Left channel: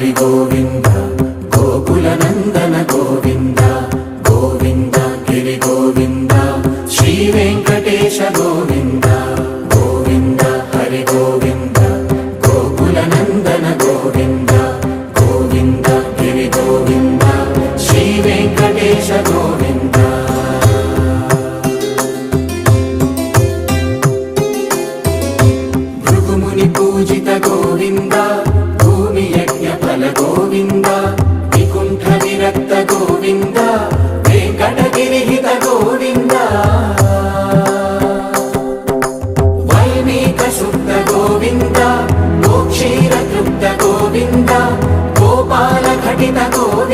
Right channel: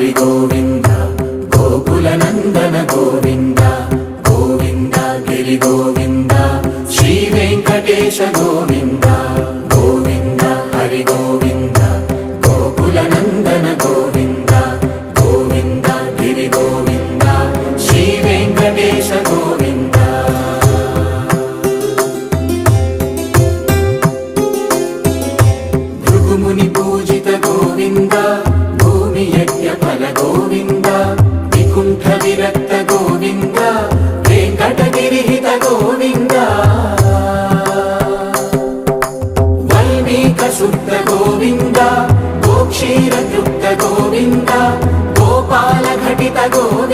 హరి గోవింద గోకుల నందన గోవింద గోవింద గిరి గోవింద శ్రీ వెంకటేశ గోవింద గోవింద హరి గోవింద గోకుల నందన గోవింద గోవింద గిరి గోవింద శ్రీ వెంకటేశ గోవింద భృగుముని పూజిత గోవింద భూమి యజ్ఞ ఫల గోవింద వికుంఠ విరక్త గోవింద వెంకటగిరిహిత గోవింద వైదిక శుద్ధ గోవింద గోక్షీర తృప్త గోవింద గోపాల ఘటిత గోవింద